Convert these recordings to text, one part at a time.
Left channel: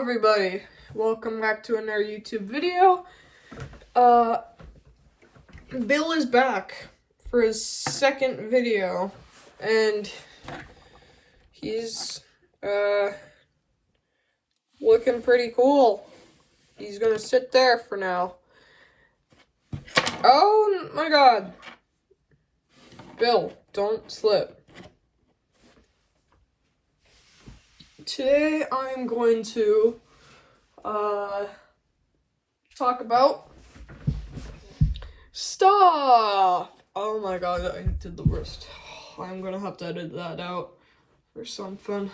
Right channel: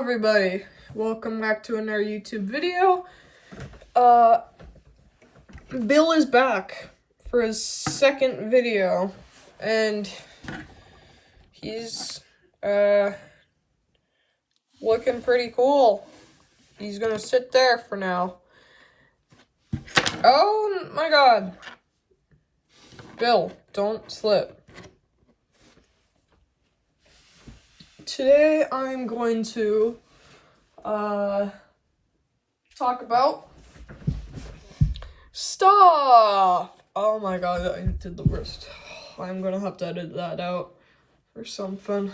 everybody, welcome back to another YouTube video. Bill is back for his second video, and he's looking pretty cool. He's gonna sit there for now. Oh my god. Bill, don't slip. Today I'm going to talk about stuff. Oh my god, I did the worst. I'm gonna have to edit that out or something.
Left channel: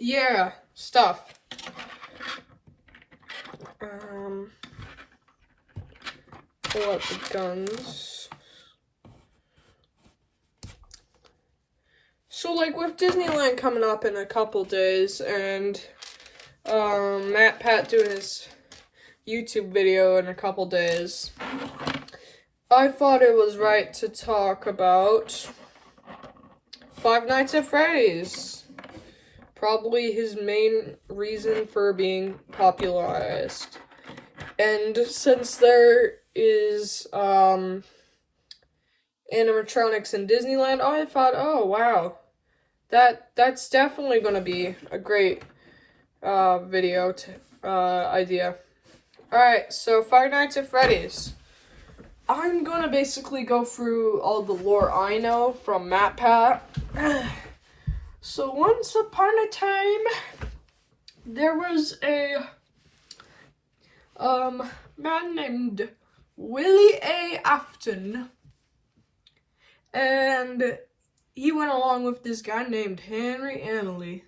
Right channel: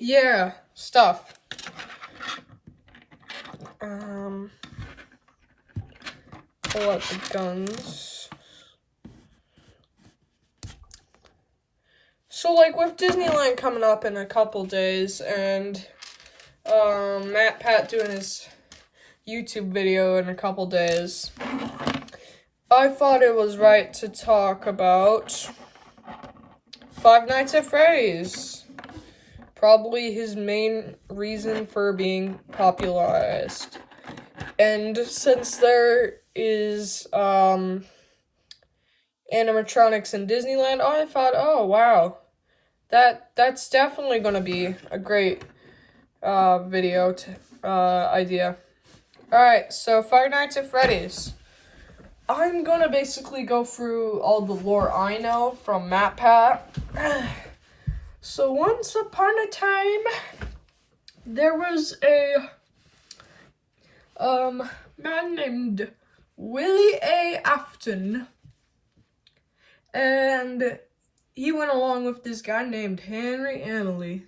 Yeah, stuff. Pull out the guns. So, like, with Disneyland coming up in a couple days, and Matt Pat doing his YouTube video in a couple days, I thought it was right to talk about Five Nights at Freddy's. Probably his main reason for being popularized. And since there is animatronics in Disneyland, I thought, oh wow, that's definitely gonna be a great video idea. Alright, so Five Nights at Freddy's. I'm gonna basically go through all the lore I know from Matt Pat. So once upon a time, there was a man named Willie A. Afton, and he went along with this guy named Henry Annaly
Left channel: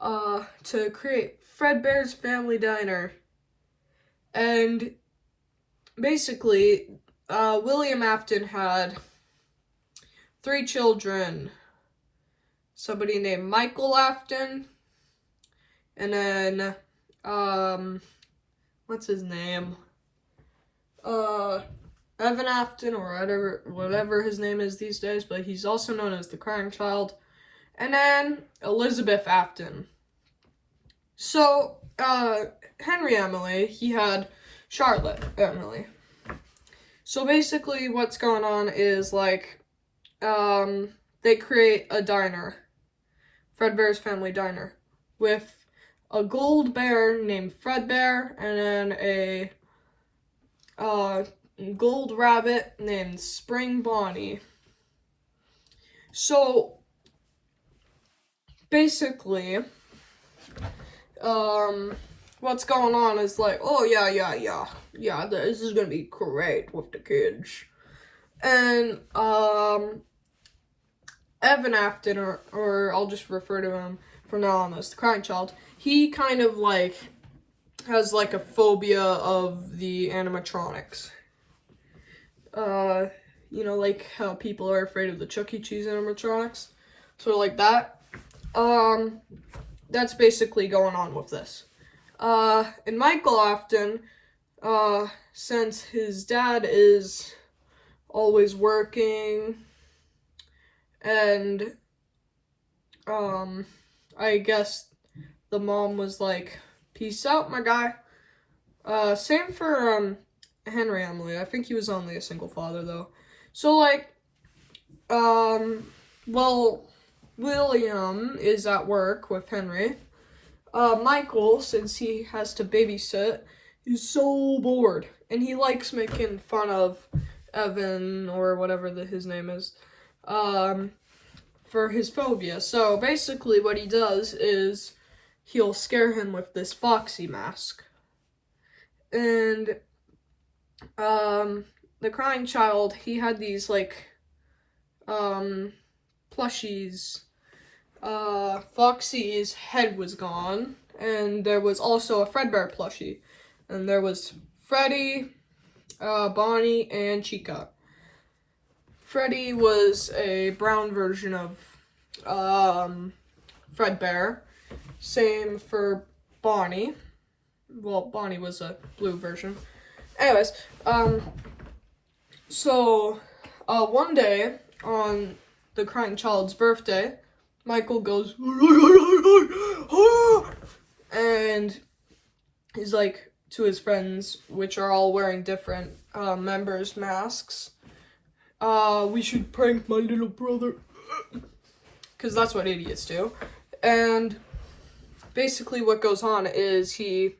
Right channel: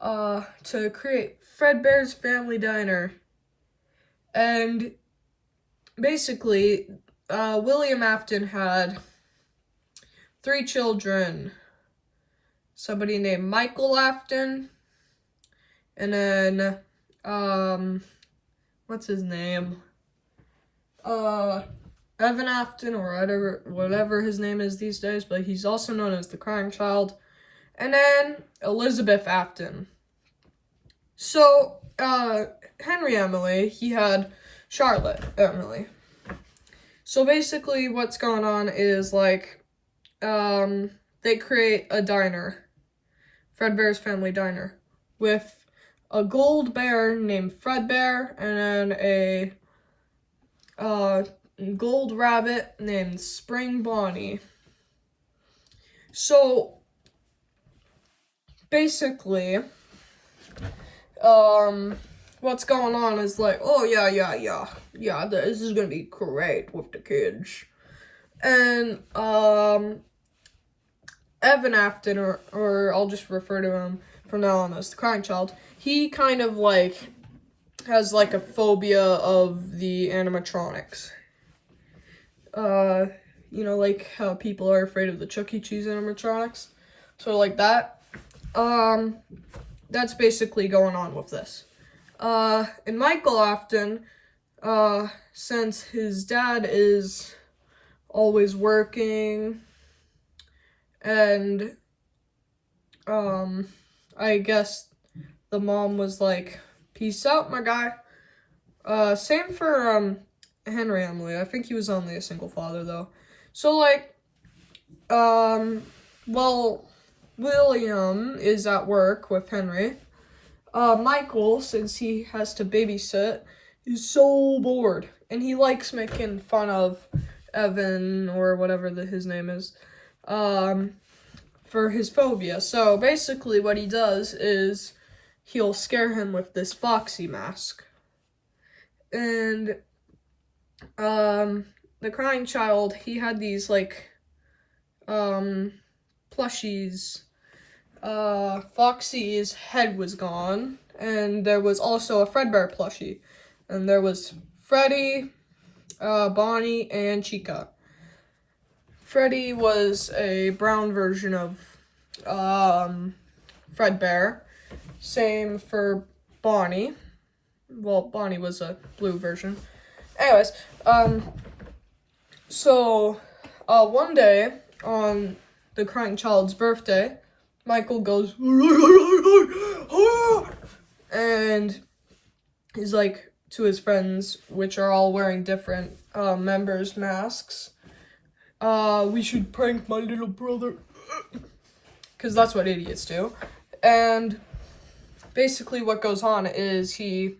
to create Fredbear's Family Diner. And basically, William Afton had 3 children. Somebody named Michael Afton, and then, what's his name? Evan Afton, or whatever his name is these days, but he's also known as the Crying Child. And then Elizabeth Afton. So, Henry Emily, he had Charlotte Emily. So basically what's going on is, like, they create a diner, Fredbear's Family Diner, with a gold bear named Fredbear, and then a gold rabbit named Spring Bonnie. So basically, what's going on is like, oh yeah, this is gonna be great with the kids. And Evan Afton, or I'll just refer to him from now on as the Crying Child, he kind of like has like a phobia of the animatronics. You know, like how people are afraid of the Chuck E. Cheese animatronics. So like that. That's basically going on with this. And Michael Afton, since his dad is always working, and I guess the mom was like, peace out, my guy. Same for Henry Emily. I think he was only a single father though. So like, well, William is at work with Henry. Michael, since he has to babysit, is so bored, and he likes making fun of Evan, or whatever his name is, for his phobia. So basically what he does is he'll scare him with this Foxy mask. And the Crying Child, he had these like plushies. Foxy's head was gone, and there was also a Fredbear plushie, and there was Freddy, Bonnie, and Chica. Freddy was a brown version of Fredbear. Same for Bonnie. Well, Bonnie was a blue version. Anyways, so one day on the Crying Child's birthday, Michael goes, and he's like to his friends, which are all wearing different members' masks. We should prank my little brother. Because that's what idiots do. And basically what goes on is he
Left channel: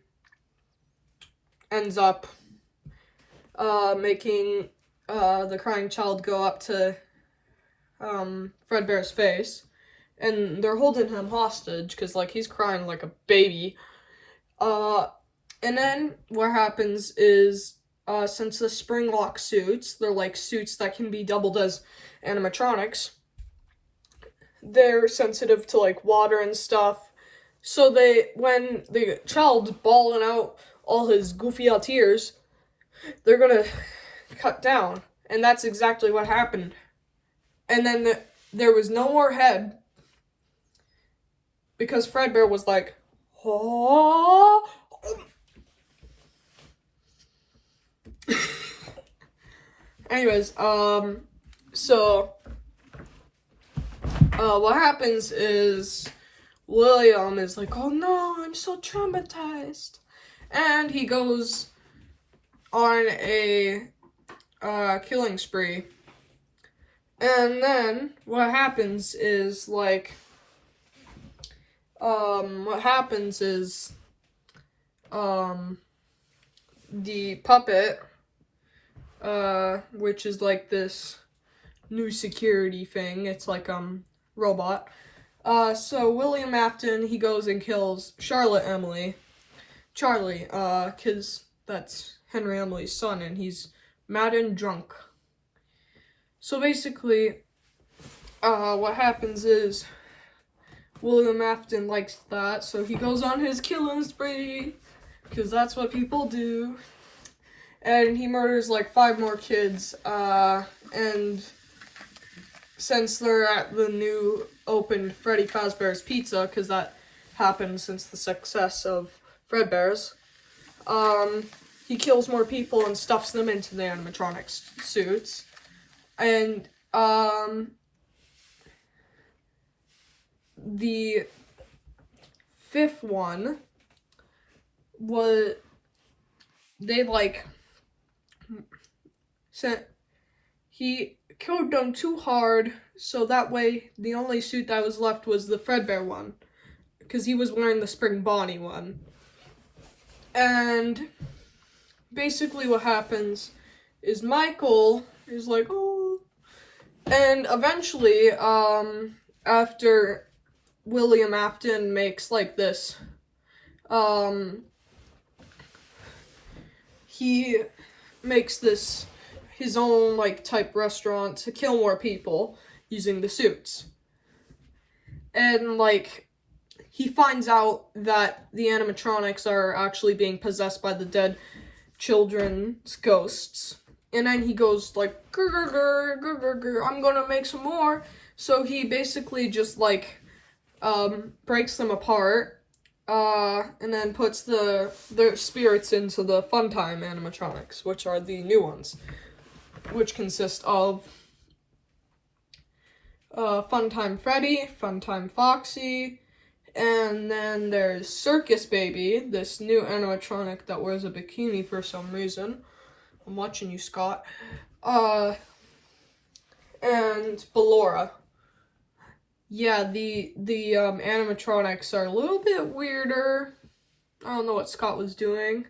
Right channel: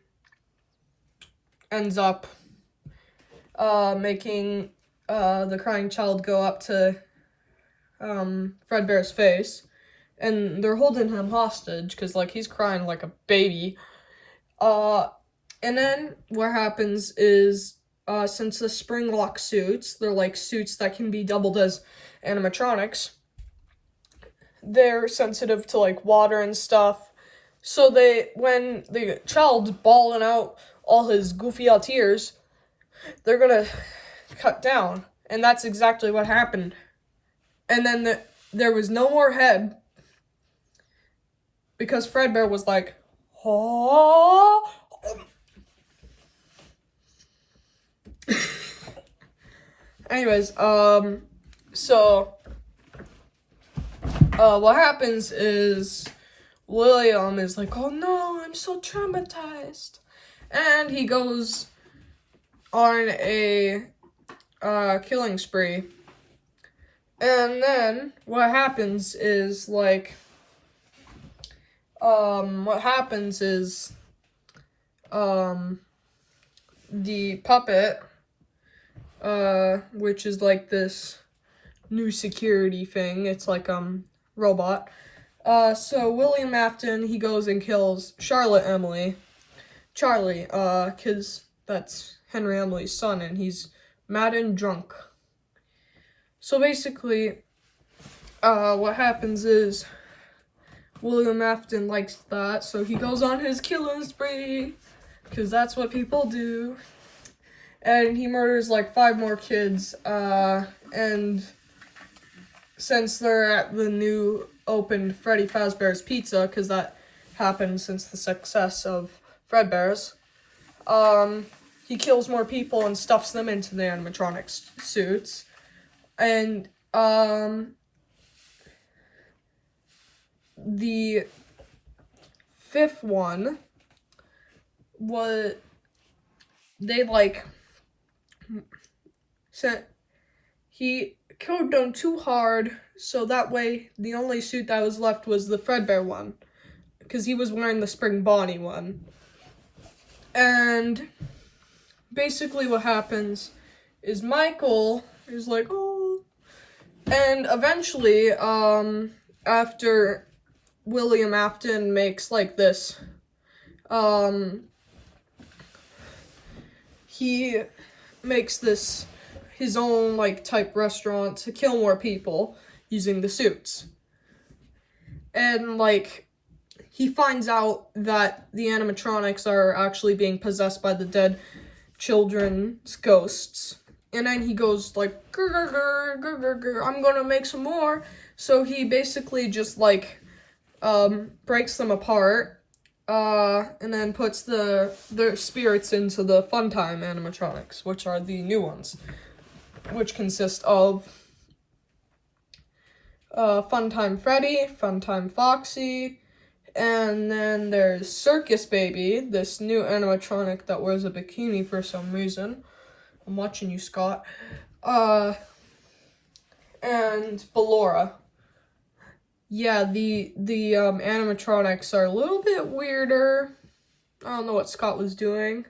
ends up making the crying child go up to Fredbear's face. And they're holding him hostage because, like, he's crying like a baby. And then what happens is, since the spring lock suits, they're like suits that can be doubled as animatronics, they're sensitive to like water and stuff. So when the child's bawling out all his goofy out tears, they're gonna cut down. And that's exactly what happened. And then there was no more head, because Fredbear was like, oh. Anyways, so what happens is William is like, oh no, I'm so traumatized. And he goes on a killing spree. And then what happens is, like, the puppet, which is like this new security thing, it's like, robot. So William Afton, he goes and kills Charlie, cause that's Henry Emily's son, and he's mad and drunk. So basically, what happens is, William Afton likes that, so he goes on his killing spree, because that's what people do. And he murders like 5 more kids, and since they're at the new opened Freddy Fazbear's Pizza, because that happened since the success of Fredbear's, he kills more people and stuffs them into the animatronics suits. And, the 5th one was, they, like, he killed them too hard, so that way the only suit that was left was the Fredbear one, because he was wearing the Spring Bonnie one. And basically what happens is Michael is like, oh, and eventually, after William Afton makes, like, this, he makes this his own, like, type restaurant to kill more people using the suits. And, like, he finds out that the animatronics are actually being possessed by the dead children's ghosts. And then he goes, like, grr, grr, grr, grr, grr, grr, I'm gonna make some more. So he basically just, like, breaks them apart, and then puts their spirits into the Funtime animatronics, which are the new ones, which consist of Funtime Freddy, Funtime Foxy, and then there's Circus Baby, this new animatronic that wears a bikini for some reason. I'm watching you, Scott. And Ballora. Yeah, the animatronics are a little bit weirder. I don't know what Scott was doing.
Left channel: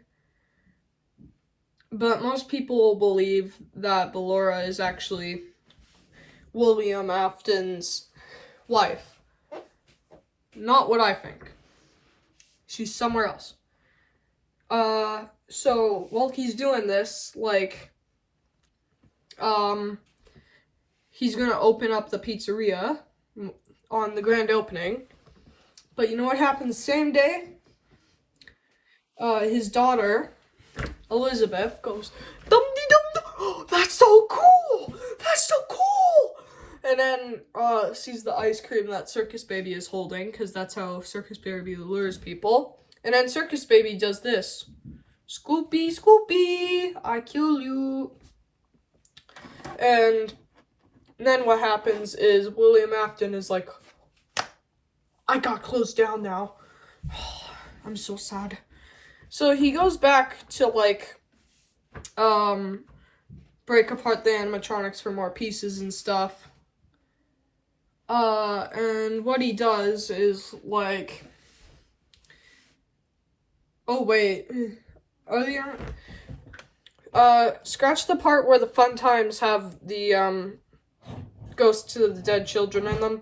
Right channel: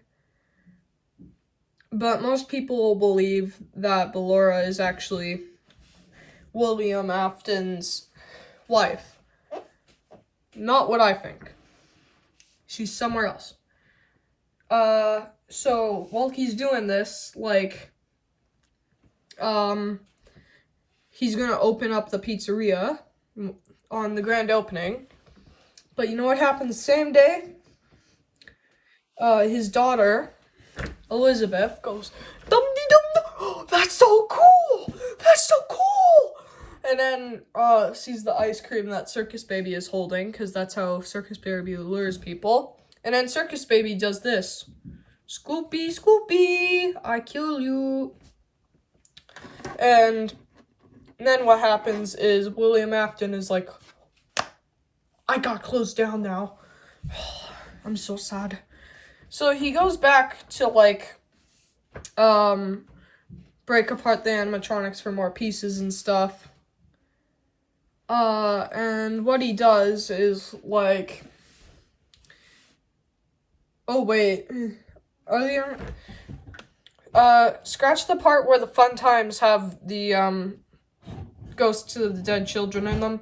But most people believe that Ballora is actually William Afton's wife. Not what I think. She's somewhere else. So while he's doing this, like, he's gonna open up the pizzeria on the grand opening. But you know what happens the same day? His daughter, Elizabeth, goes, dum-dee-dum-dum, that's so cool! That's so cool! And then, sees the ice cream that Circus Baby is holding, because that's how Circus Baby lures people. And then Circus Baby does this. Scoopy, Scoopy, I kill you. And then what happens is William Afton is like, I got closed down now. I'm so sad. So he goes back to, like, break apart the animatronics for more pieces and stuff. And what he does is, like... Oh, wait. Are the... scratch the part where the fun times have the, ghosts of the dead children in them.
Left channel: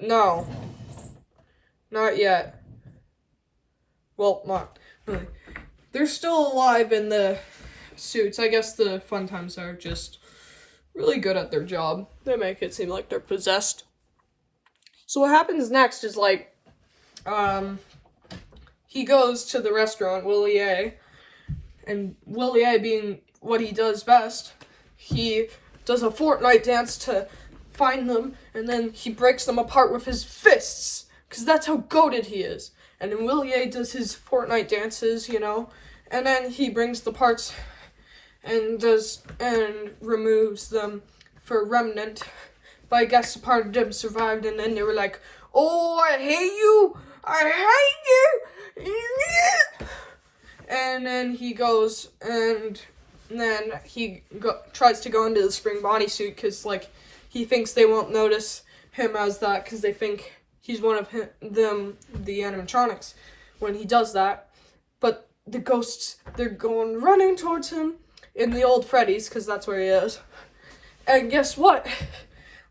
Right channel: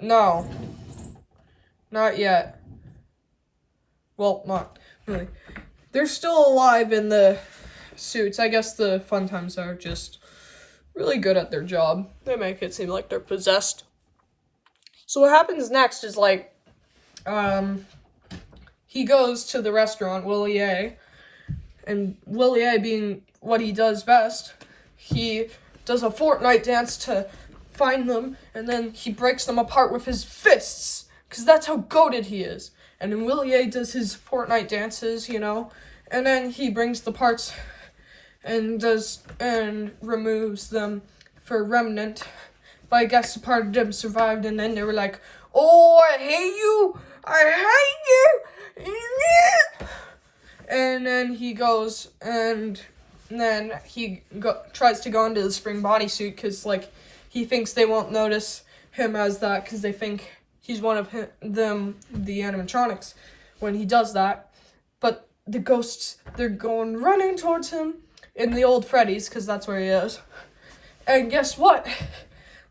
No. Not yet. Well, not really. They're still alive in the suits. I guess the fun times are just really good at their job. They make it seem like they're possessed. So what happens next is, like, he goes to the restaurant, Willie A. And Willie A, being what he does best, he does a Fortnite dance to find them, and then he breaks them apart with his fists, because that's how goated he is. And then Willie A does his Fortnite dances, you know, and then he brings the parts and removes them for Remnant. But I guess a part of them survived, and then they were like, oh, I hate you! I hate you! And then he goes, and then he tries to go into the spring bodysuit, because, like, he thinks they won't notice him as that, because they think he's one of them, the animatronics, when he does that. But the ghosts, they're going running towards him in the old Freddy's, because that's where he is. And guess what?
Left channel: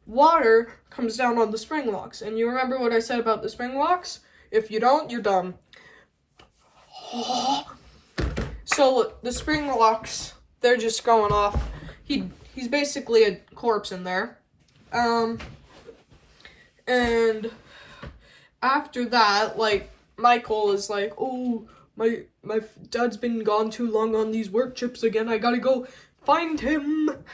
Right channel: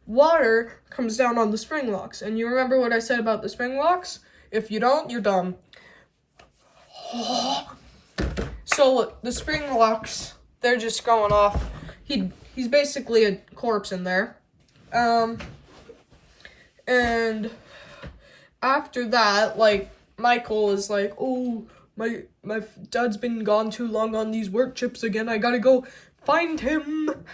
Water comes down on the spring locks. And you remember what I said about the spring locks? If you don't, you're dumb. So the spring locks, they're just going off. He's basically a corpse in there. And after that, like, Michael is like, oh, my dad's been gone too long on these work trips again. I gotta go find him.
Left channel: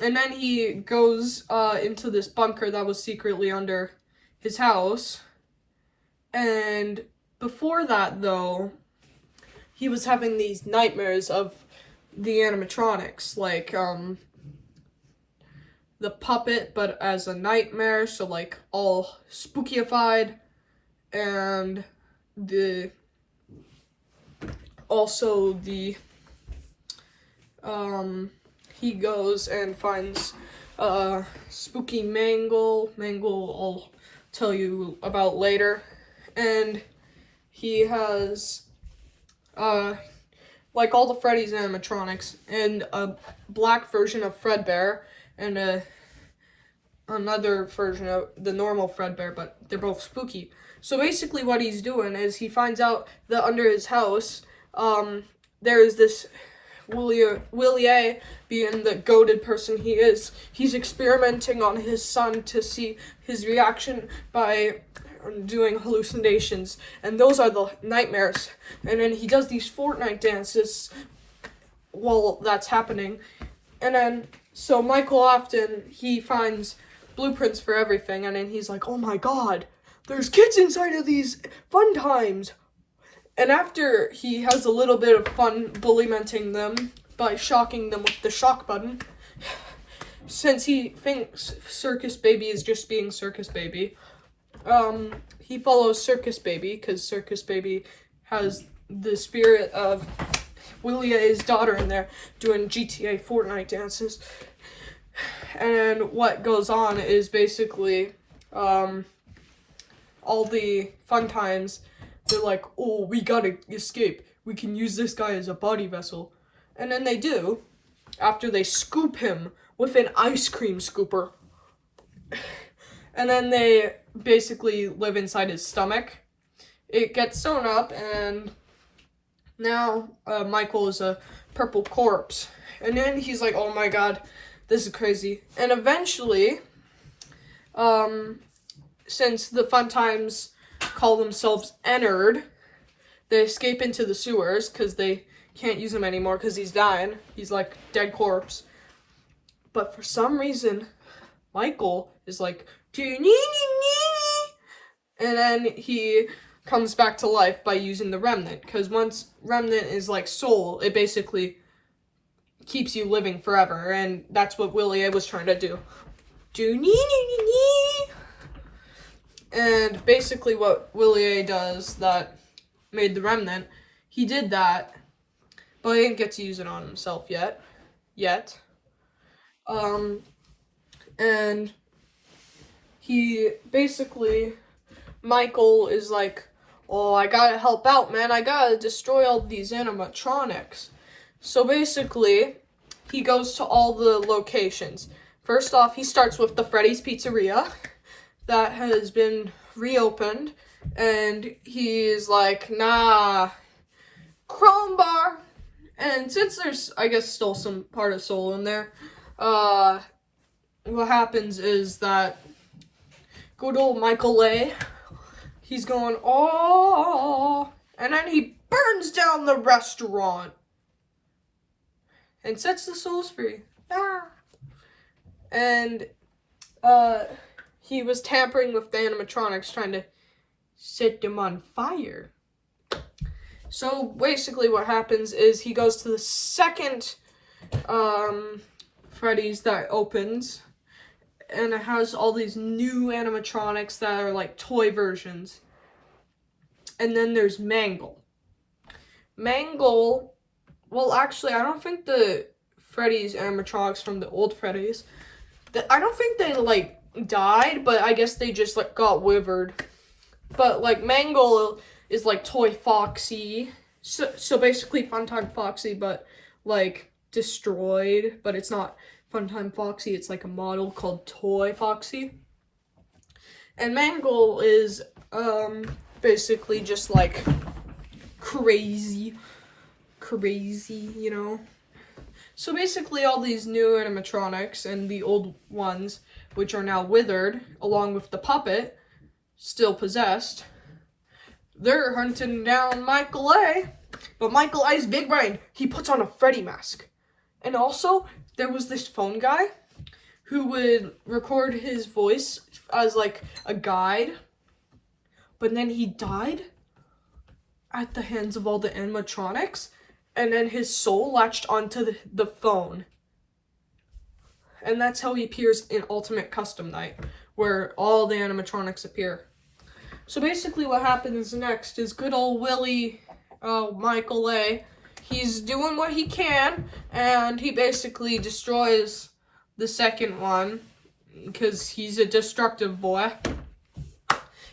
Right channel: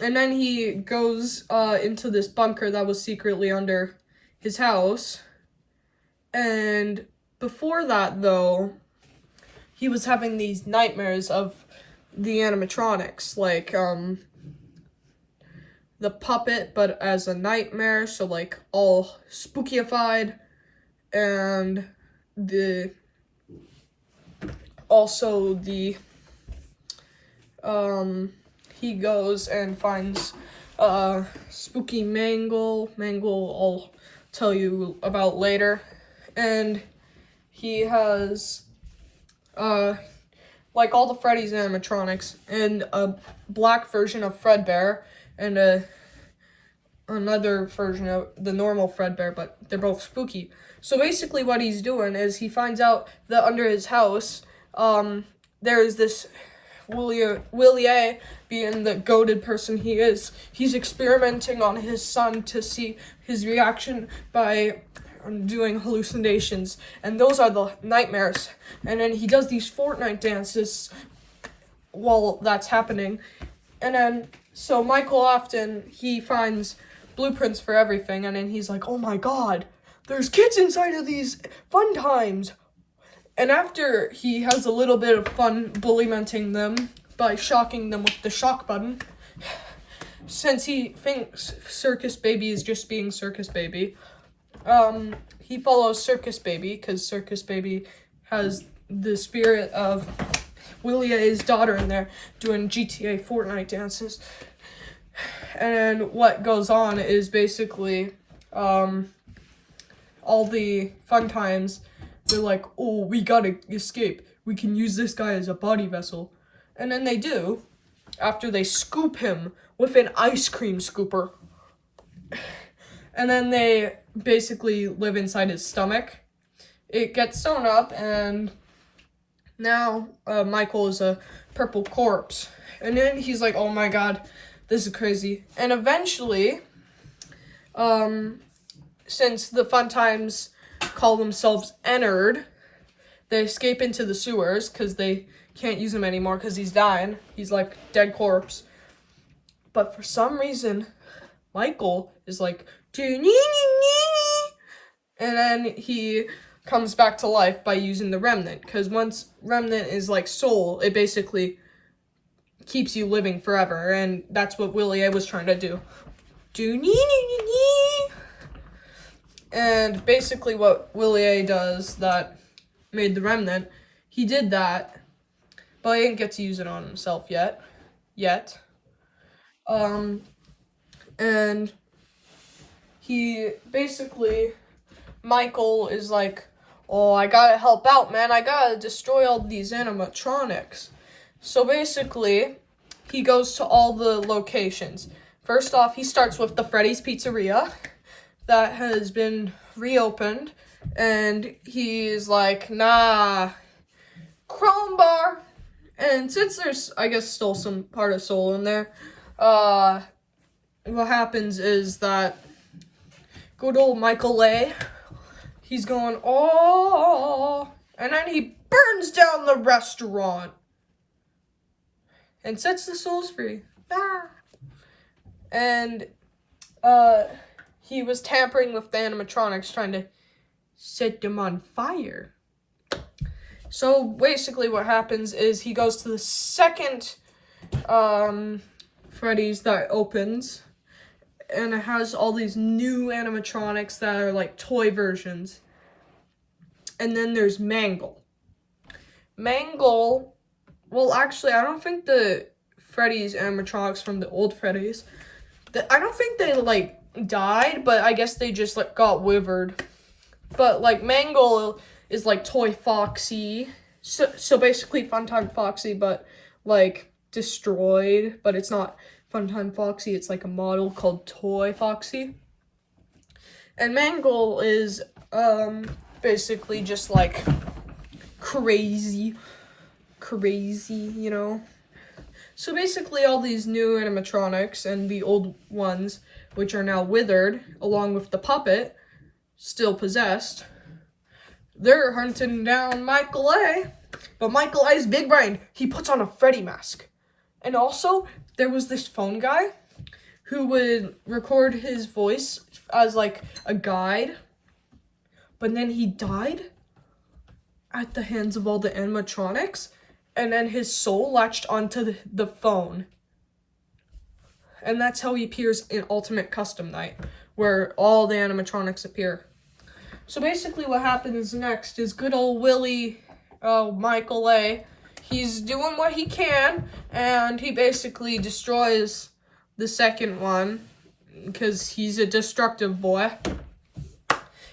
And then he goes into this bunker that was secretly under his house. And before that, though, he was having these nightmares of the animatronics, like, the puppet, but as a nightmare, so, like, all spookyified, and he goes and finds, spooky Mangle, I'll tell you about later, and he has, like all the Freddy's animatronics, and a black version of Fredbear, and another version of the normal Fredbear, but they're both spooky. So basically what he's doing is he finds out that under his house, there is this Willie A, being the goated person he is, he's experimenting on his son to see his reaction by doing hallucinations, and those are the nightmares. And then he does these Fortnite dances while that's happening. And then, so Michael often, he finds blueprints for everything, and then he's like, oh my god, there's kids inside of these fun times. And after he has a little bit of fun bullymenting them by shocking them with the shock button, since he thinks Circus Baby is just being Circus Baby, he follows Circus Baby, because Circus Baby has the spirit of Willie A's daughter in there doing GTA Fortnite dances. And what goes on is basically, all the fun times, they're like, oh, we gotta escape. We can use this guy as a body vessel. And then they do, after they scoop him with an ice cream scooper. And then they basically live inside his stomach. It gets sewn up, and now Michael is a purple corpse. And then he's like, oh my god, this is crazy. And eventually, since the fun times call themselves Ennard, they escape into the sewers, because they can't use him anymore, because he's dying. He's like dead corpse. But for some reason, Michael is like, and then he comes back to life by using the Remnant, because once Remnant is like soul, it basically keeps you living forever, and that's what Willie A was trying to do. And basically what Willie A does that made the remnant, he did that, but he didn't get to use it on himself yet. And he basically, Michael is like, oh, I gotta help out, man. I gotta destroy all these animatronics. So basically, he goes to all the locations. First off, he starts with the Freddy's Pizzeria that has been reopened. And he's like, nah, Chrome Bar. And since there's, I guess, still some part of soul in there, what happens is that good old Michael A., he's going, oh, and then he burns down the restaurant and sets the souls free. Ah. And he was tampering with the animatronics, trying to set them on fire. So basically what happens is he goes to the second Freddy's that opens, and it has all these new animatronics that are like toy versions. And then there's Mangle. Well, actually, I don't think the Freddy's animatronics from the old Freddy's, I don't think they like died, but I guess they just like got withered. But like Mangle is like Toy Foxy. So basically Funtime Foxy, but like destroyed, but it's not Funtime Foxy, it's like a model called Toy Foxy. And Mangle is basically just like crazy, you know. So basically all these new animatronics and the old ones, which are now withered, along with the puppet, still possessed, they're hunting down Michael A. But Michael A's big brain, he puts on a Freddy mask. And also, there was this phone guy who would record his voice as like a guide. But then he died at the hands of all the animatronics. And then his soul latched onto the phone. And that's how he appears in Ultimate Custom Night, where all the animatronics appear. So basically what happens next is good old Michael A., he's doing what he can, and he basically destroys the second one, because he's a destructive boy.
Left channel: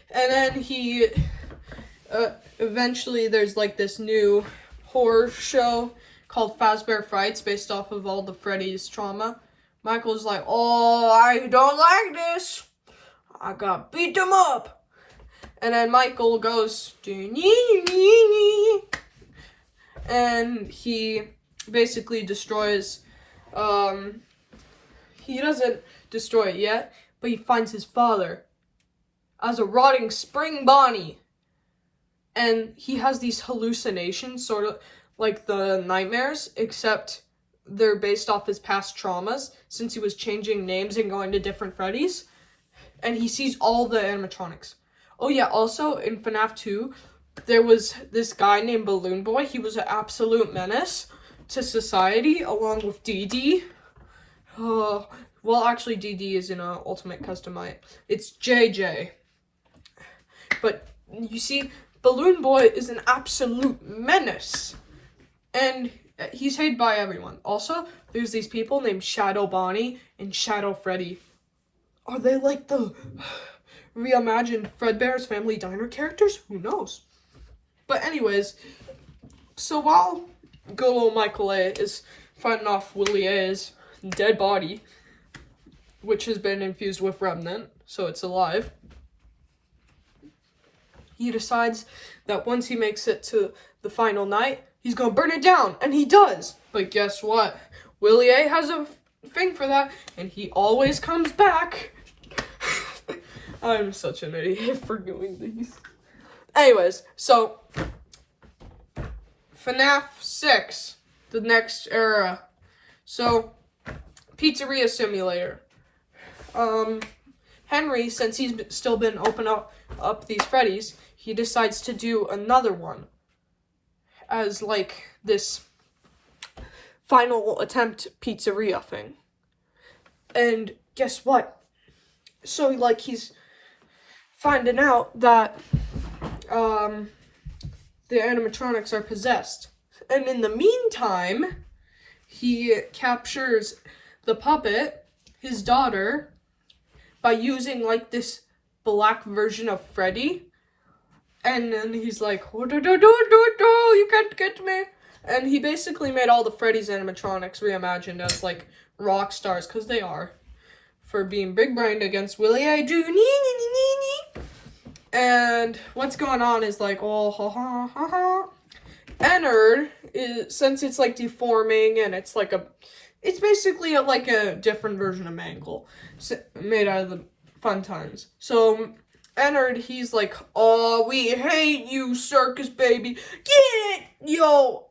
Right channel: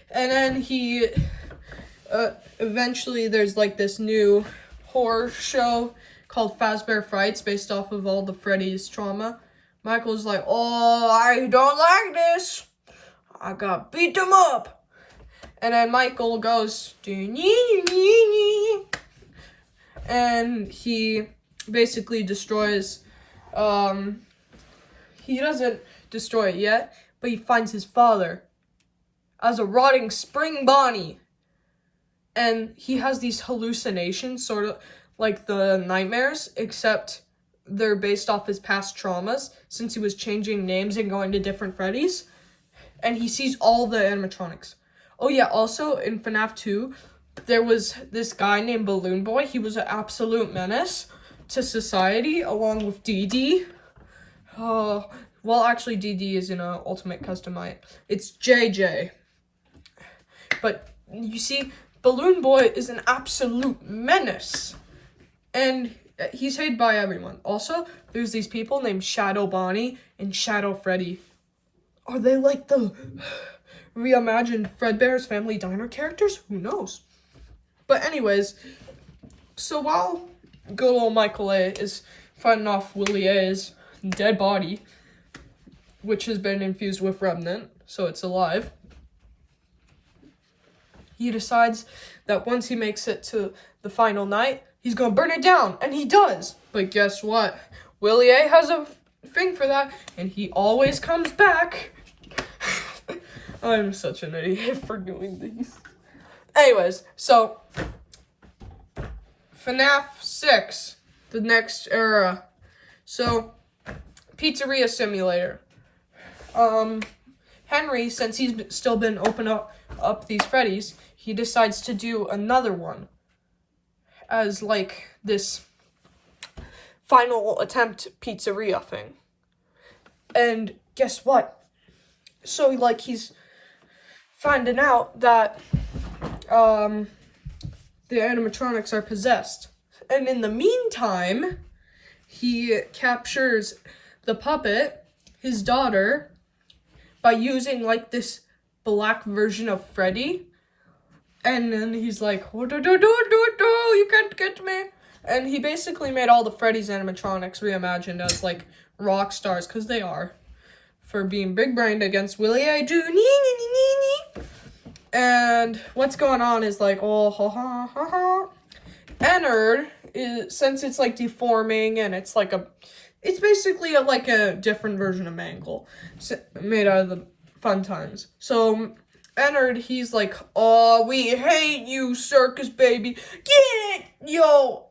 And then he, eventually there's like this new horror show called Fazbear Frights, based off of all the Freddy's trauma. Michael's like, oh, I don't like this. I gotta beat them up. And then Michael goes, and he basically destroys, he doesn't destroy it yet, but he finds his father as a rotting spring Bonnie. And he has these hallucinations, sort of like the nightmares, except they're based off his past traumas, since he was changing names and going to different Freddy's. And he sees all the animatronics. Oh yeah, also in Fnaf 2, there was this guy named Balloon Boy. He was an absolute menace to society, along with DD. Well, actually, DD is in an Ultimate Custom Night. It's JJ. But you see, Balloon Boy is an absolute menace. And he's hated by everyone. Also, there's these people named Shadow Bonnie and Shadow Freddy. Are they like the reimagined Fredbear's Family Diner characters? Who knows? But anyways, so while good old Michael A. is fighting off Willie A.'s dead body, which has been infused with Remnant, so it's alive, he decides that once he makes it to the final night, he's gonna burn it down, and he does. But guess what? Willie A. has a thing for that, and he always comes back. I'm such an idiot for doing these. Anyways, so Fnaf 6, the next era. So, Pizzeria Simulator. Henry, since he's still been open up these Freddy's, he decides to do another one as like this final attempt pizzeria thing. And guess what? So like he's finding out that the animatronics are possessed. And in the meantime, he captures the puppet, his daughter, by using like this black version of Freddy. And then he's like, oh, do, you can't get me. And he basically made all the Freddy's animatronics reimagined as like rock stars, because they are, for being big brained against Willie A. And what's going on is like, oh, ha ha ha ha. Ennard is, since it's like deforming and it's like it's basically like a different version of Mangle, made out of the Fun Times. So Ennard, he's like, oh, we hate you, circus baby. Get it, yo,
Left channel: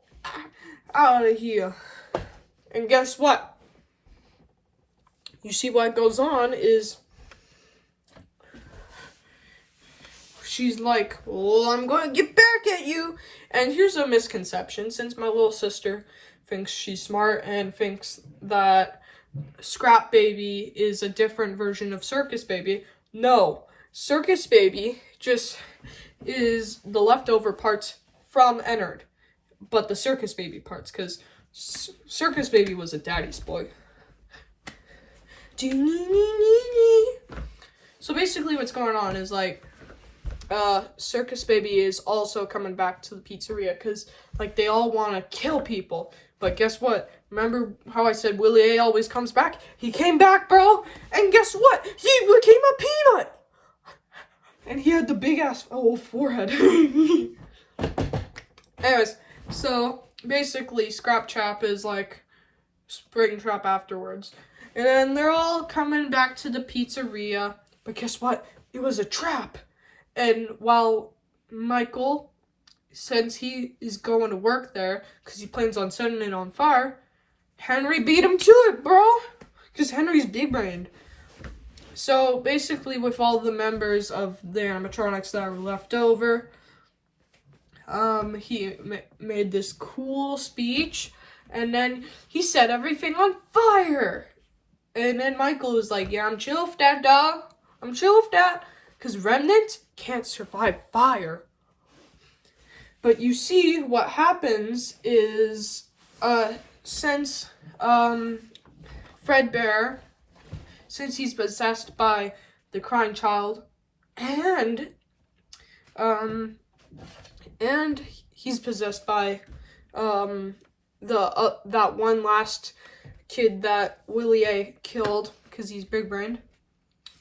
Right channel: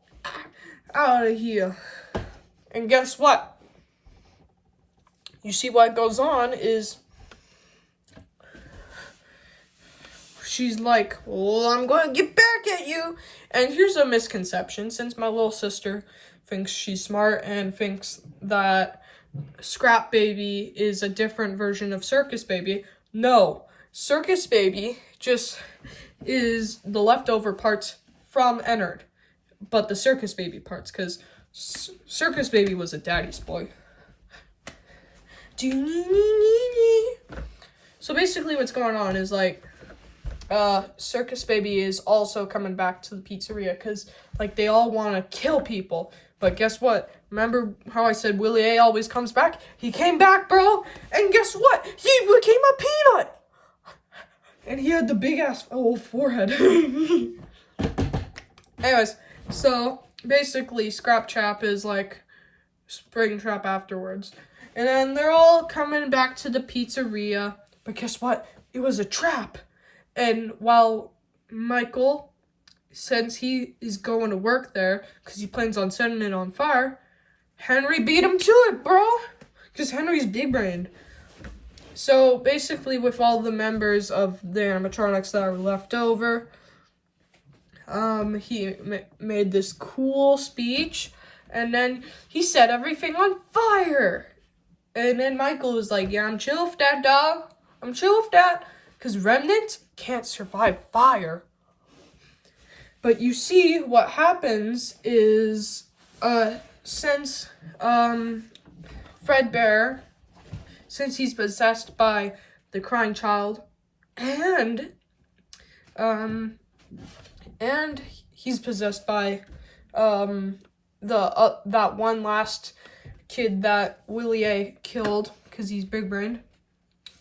out of here. And guess what? You see what goes on is she's like, well, I'm going to get back at you. And here's a misconception, since my little sister thinks she's smart and thinks that Scrap Baby is a different version of Circus Baby. No, Circus Baby just is the leftover parts from Ennard, but the Circus Baby parts, because Circus Baby was a daddy's boy. So basically what's going on is like, Circus Baby is also coming back to the pizzeria because, like, they all want to kill people. But guess what? Remember how I said Willie A always comes back? He came back, bro. And guess what? He became a peanut. And he had the big-ass forehead. Anyways, so basically Scrap Chap is like Springtrap afterwards. And then they're all coming back to the pizzeria. But guess what? It was a trap. And while Michael, since he is going to work there, because he plans on setting it on fire, Henry beat him to it, bro. Because Henry's big brained. So basically, with all the members of the animatronics that are left over, he made this cool speech, and then he set everything on fire. And then Michael was like, yeah, I'm chill with that, dog. I'm chill with that. Because Remnant can't survive fire. But you see, what happens is, since, Fredbear, since he's possessed by the crying child, and he's possessed by, that one last kid that Willie A killed, because he's big-brained.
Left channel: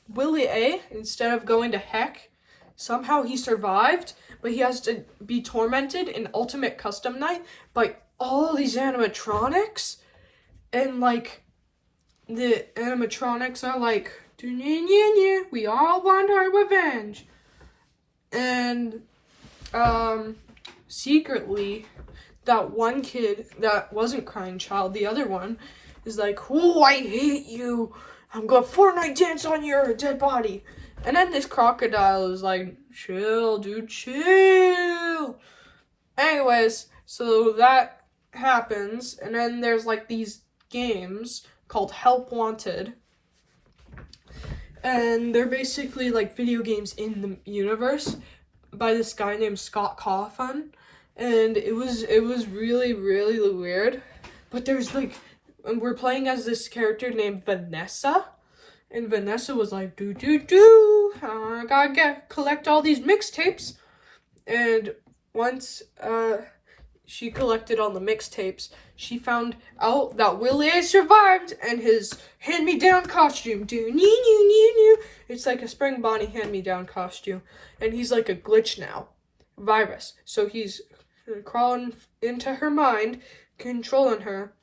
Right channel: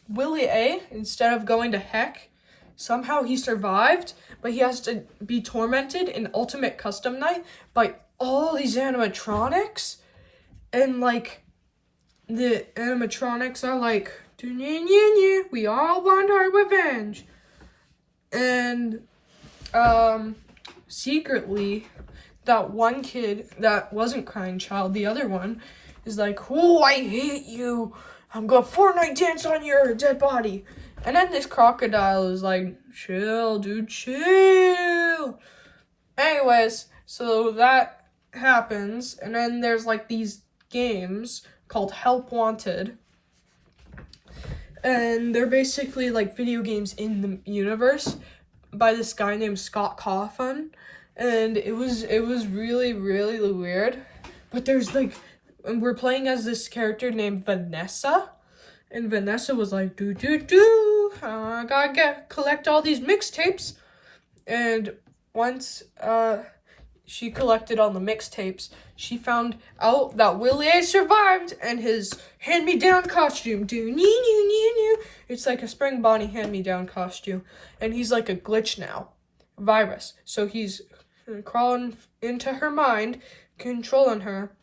Willie A, instead of going to heck, somehow he survived, but he has to be tormented in Ultimate Custom Night by all these animatronics. And, like, the animatronics are like, we all want our revenge. And, secretly, that one kid that wasn't crying child, the other one, is like, oh, I hate you. I'm gonna Fortnite dance on your dead body. And then this crocodile is like, chill, dude, chill. Anyways, so that happens. And then there's like these games called Help Wanted. And they're basically like video games in the universe by this guy named Scott Cawthon. And it was really, really weird. But there's like, and we're playing as this character named Vanessa. And Vanessa was like, I gotta collect all these mixtapes. And once she collected all the mixtapes, she found out that Willie A survived and his hand-me-down costume. It's like a Spring Bonnie hand-me-down costume. And he's like a glitch now. Virus. So he's crawling into her mind, controlling her.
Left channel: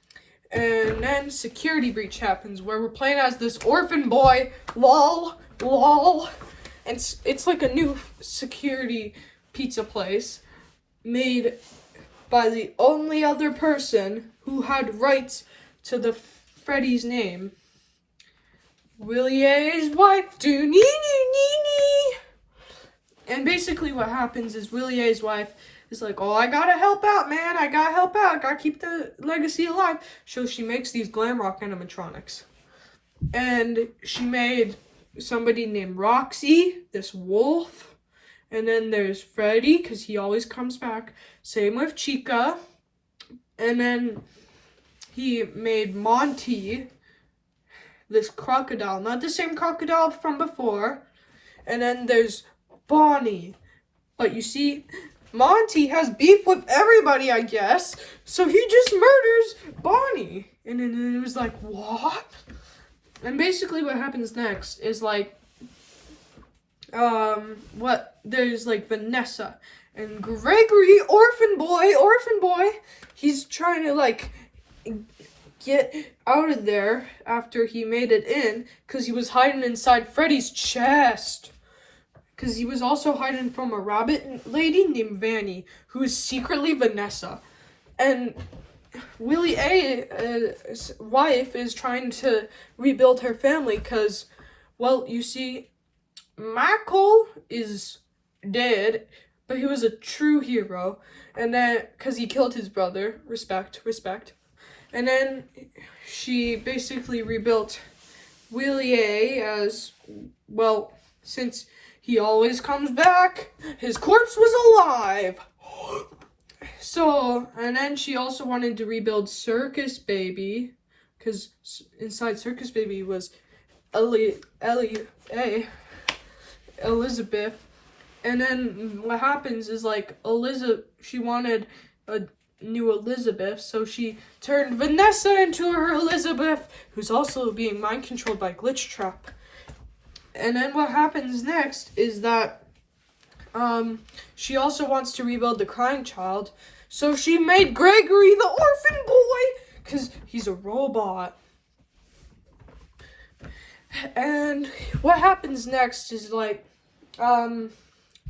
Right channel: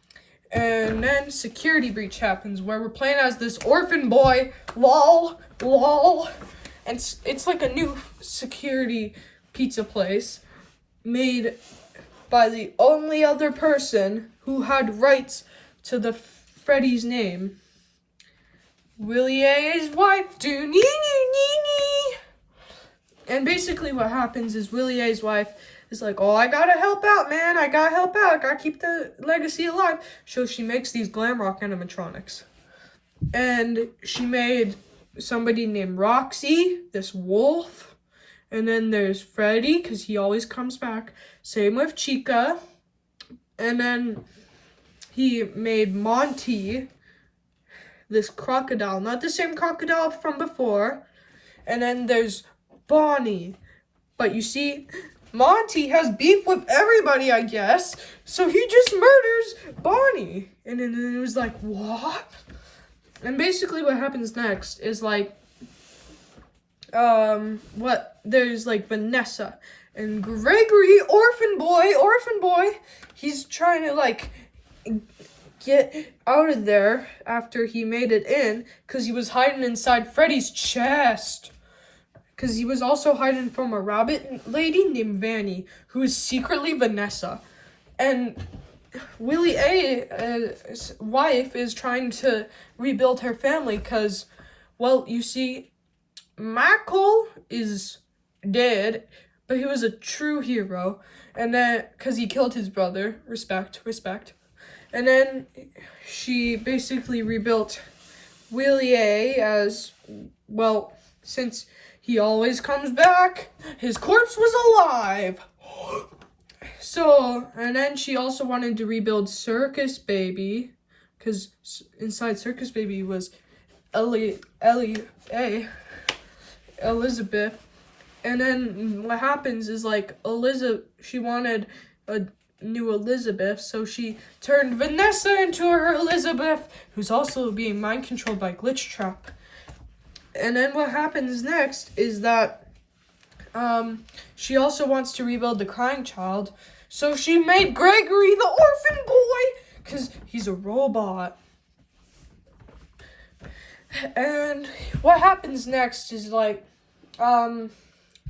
And then security breach happens where we're playing as this orphan boy. Lol. And it's like a new security pizza place made by the only other person who had rights to the Freddy's name. Willie A's wife. And basically what happens is Willie A's wife is like, oh, I gotta help out, man. I gotta help out. I gotta keep the legacy alive. So she makes these glam rock animatronics. And she made somebody named Roxy, this wolf. And then there's Freddy, because he always comes back. Same with Chica. And then he made Monty, this crocodile. Not the same crocodile from before. And then there's Bonnie. But you see, Monty has beef with everybody, I guess. So he just murders Bonnie. And then it was like, what? And basically what happens next is like, there's like Vanessa and Gregory, orphan boy. He's trying to like get out of there after he made it in, because he was hiding inside Freddy's chest. Because he was also hiding from a rabbit lady named Vanny, who is secretly Vanessa. And Willie A's wife is trying to rebuild her family because, well, you see, Michael is dead, but he was a true hero. And then, because he killed his brother, respect. And then she basically rebuilt Willie A as, well, since he always comes back, his corpse was alive. So, and then she also wanted to rebuild Circus Baby, because inside Circus Baby was Elizabeth. And then what happens is like she wanted a new Elizabeth, so she turned Vanessa into her Elizabeth, who's also being mind controlled by Glitch Trap. And then what happens next is that she also wants to rebuild the crying child, so she made Gregory the orphan boy because he's a robot. And what happens next is like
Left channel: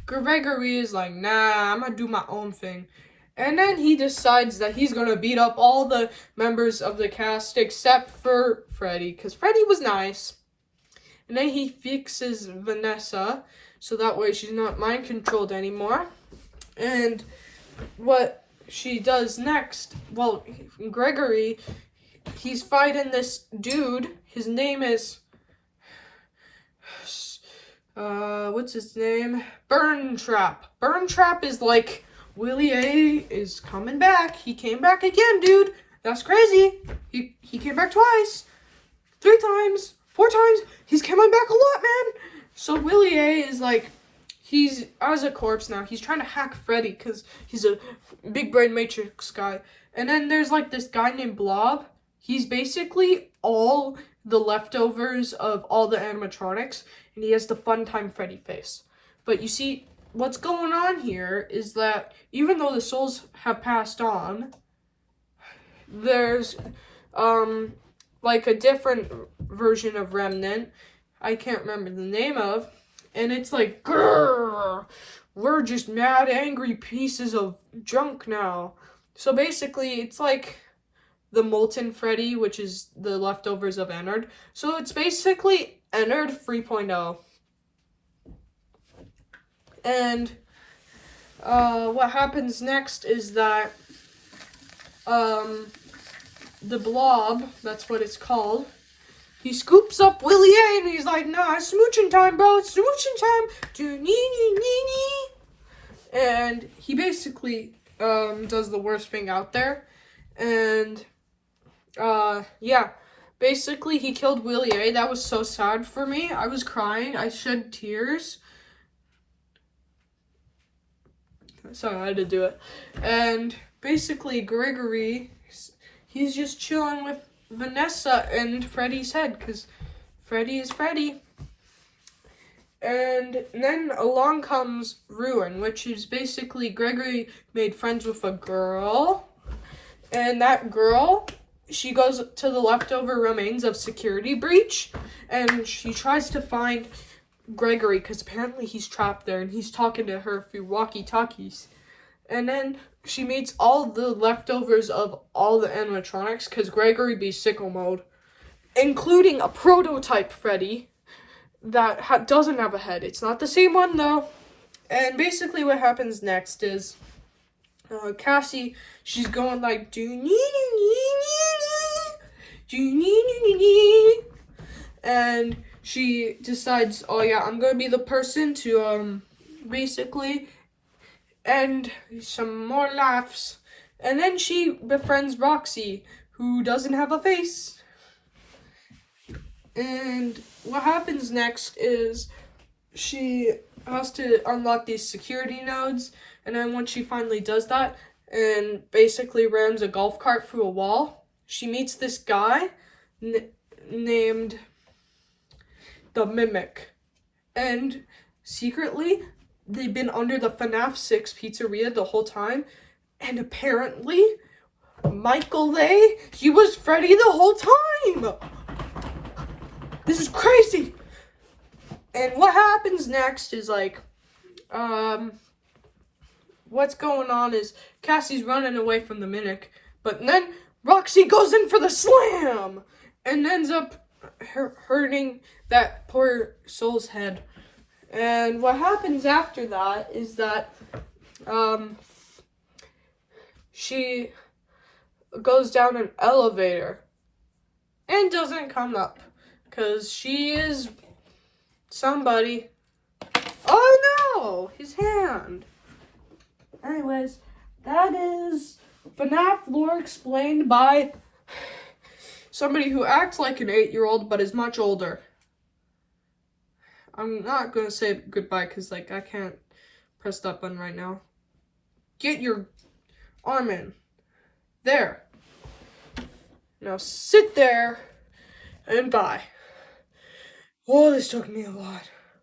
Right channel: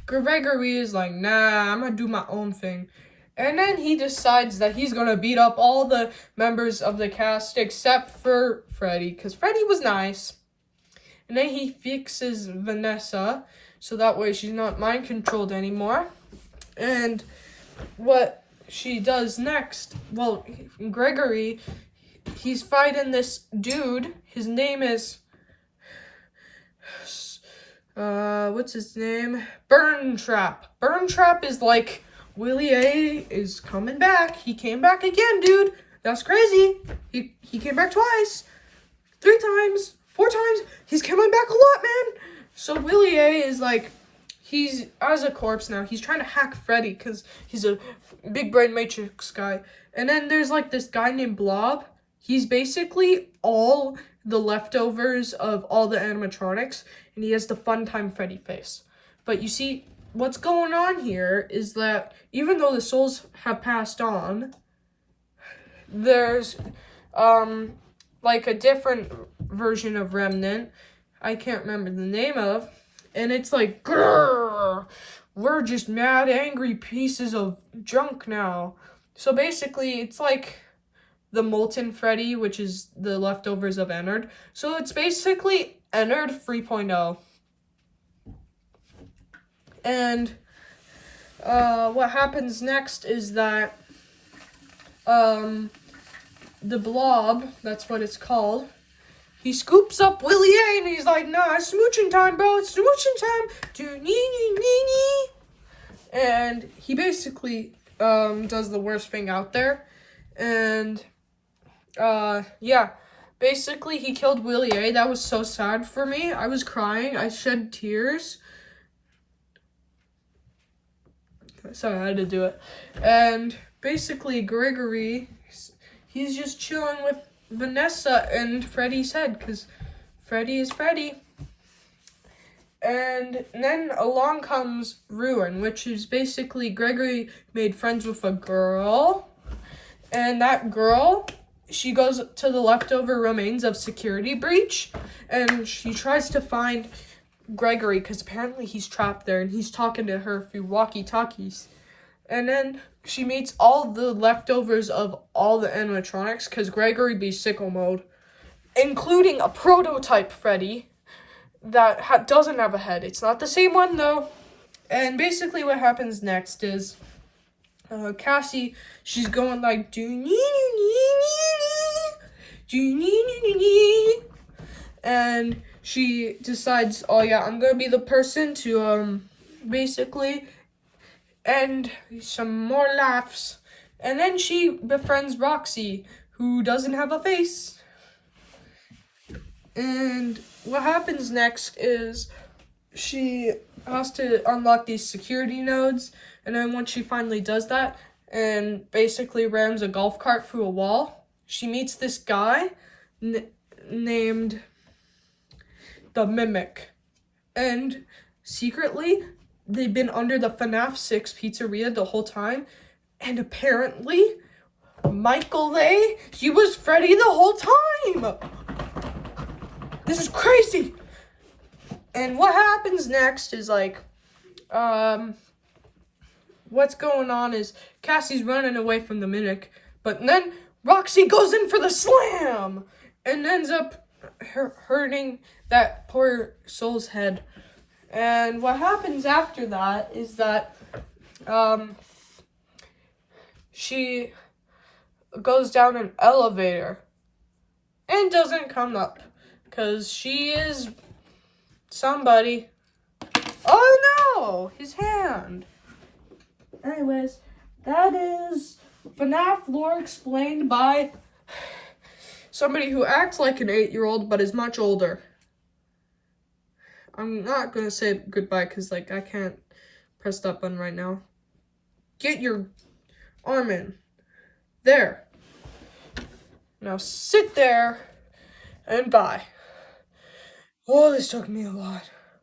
Gregory is like, nah, I'm gonna do my own thing. And then he decides that he's gonna beat up all the members of the cast except for Freddy, because Freddy was nice. And then he fixes Vanessa, so that way she's not mind controlled anymore. And what she does next, well, Gregory, he's fighting this dude. His name is, what's his name? Burn Trap. Burn Trap is like, Willie A is coming back. He came back again, dude. That's crazy. He came back twice, 3 times, 4 times. He's coming back a lot, man. So Willie A is like, he's as a corpse now. He's trying to hack Freddy because he's a big brain matrix guy. And then there's like this guy named Blob. He's basically all the leftovers of all the animatronics, and he has the fun time Freddy face. But you see, what's going on here is that even though the souls have passed on, there's like a different version of Remnant I can't remember the name of, and it's like, grrr, we're just mad angry pieces of junk now. So basically it's like the molten Freddy, which is the leftovers of Ennard. So it's basically Ennard 3.0. And what happens next is that the blob, that's what it's called, he scoops up Willie A and he's like, nah, it's smooching time, bro. It's smooching time. And he basically does the worst thing out there. And yeah, basically he killed Willie A. That was so sad for me. I was crying. I shed tears. Sorry, I had to do it. And basically Gregory, he's just chilling with Vanessa and Freddy's head, because Freddy is Freddy. And then along comes Ruin, which is basically Gregory made friends with a girl. And that girl, she goes to the leftover remains of Security Breach, and she tries to find Gregory, because apparently he's trapped there, and he's talking to her through walkie-talkies. And then she meets all the leftovers of all the animatronics, because Gregory be sicko mode, including a prototype Freddy that doesn't have a head. It's not the same one, though. And basically what happens next is Cassie, she's going like, and she decides, oh yeah, I'm gonna be the person to basically end some more laughs. And then she befriends Roxy, who doesn't have a face. And what happens next is she has to unlock these security nodes, and then once she finally does that and basically rams a golf cart through a wall, she meets this guy named the Mimic. And secretly, they've been under the Fnaf 6 pizzeria the whole time, and apparently, Michael Lay, he was Freddy the whole time! This is crazy! And what happens next is what's going on is Cassie's running away from the Mimic, but then Roxy goes in for the slam and ends up hurting that poor soul's head. And what happens after that is that she goes down an elevator and doesn't come up because she is somebody. Oh no, his hand. Anyways, that is FNAF lore explained by somebody who acts like an 8-year-old but is much older. I'm not gonna say goodbye because I can't press that button right now. Get your arm in. There. Now sit there and bye. Oh, this took me a lot.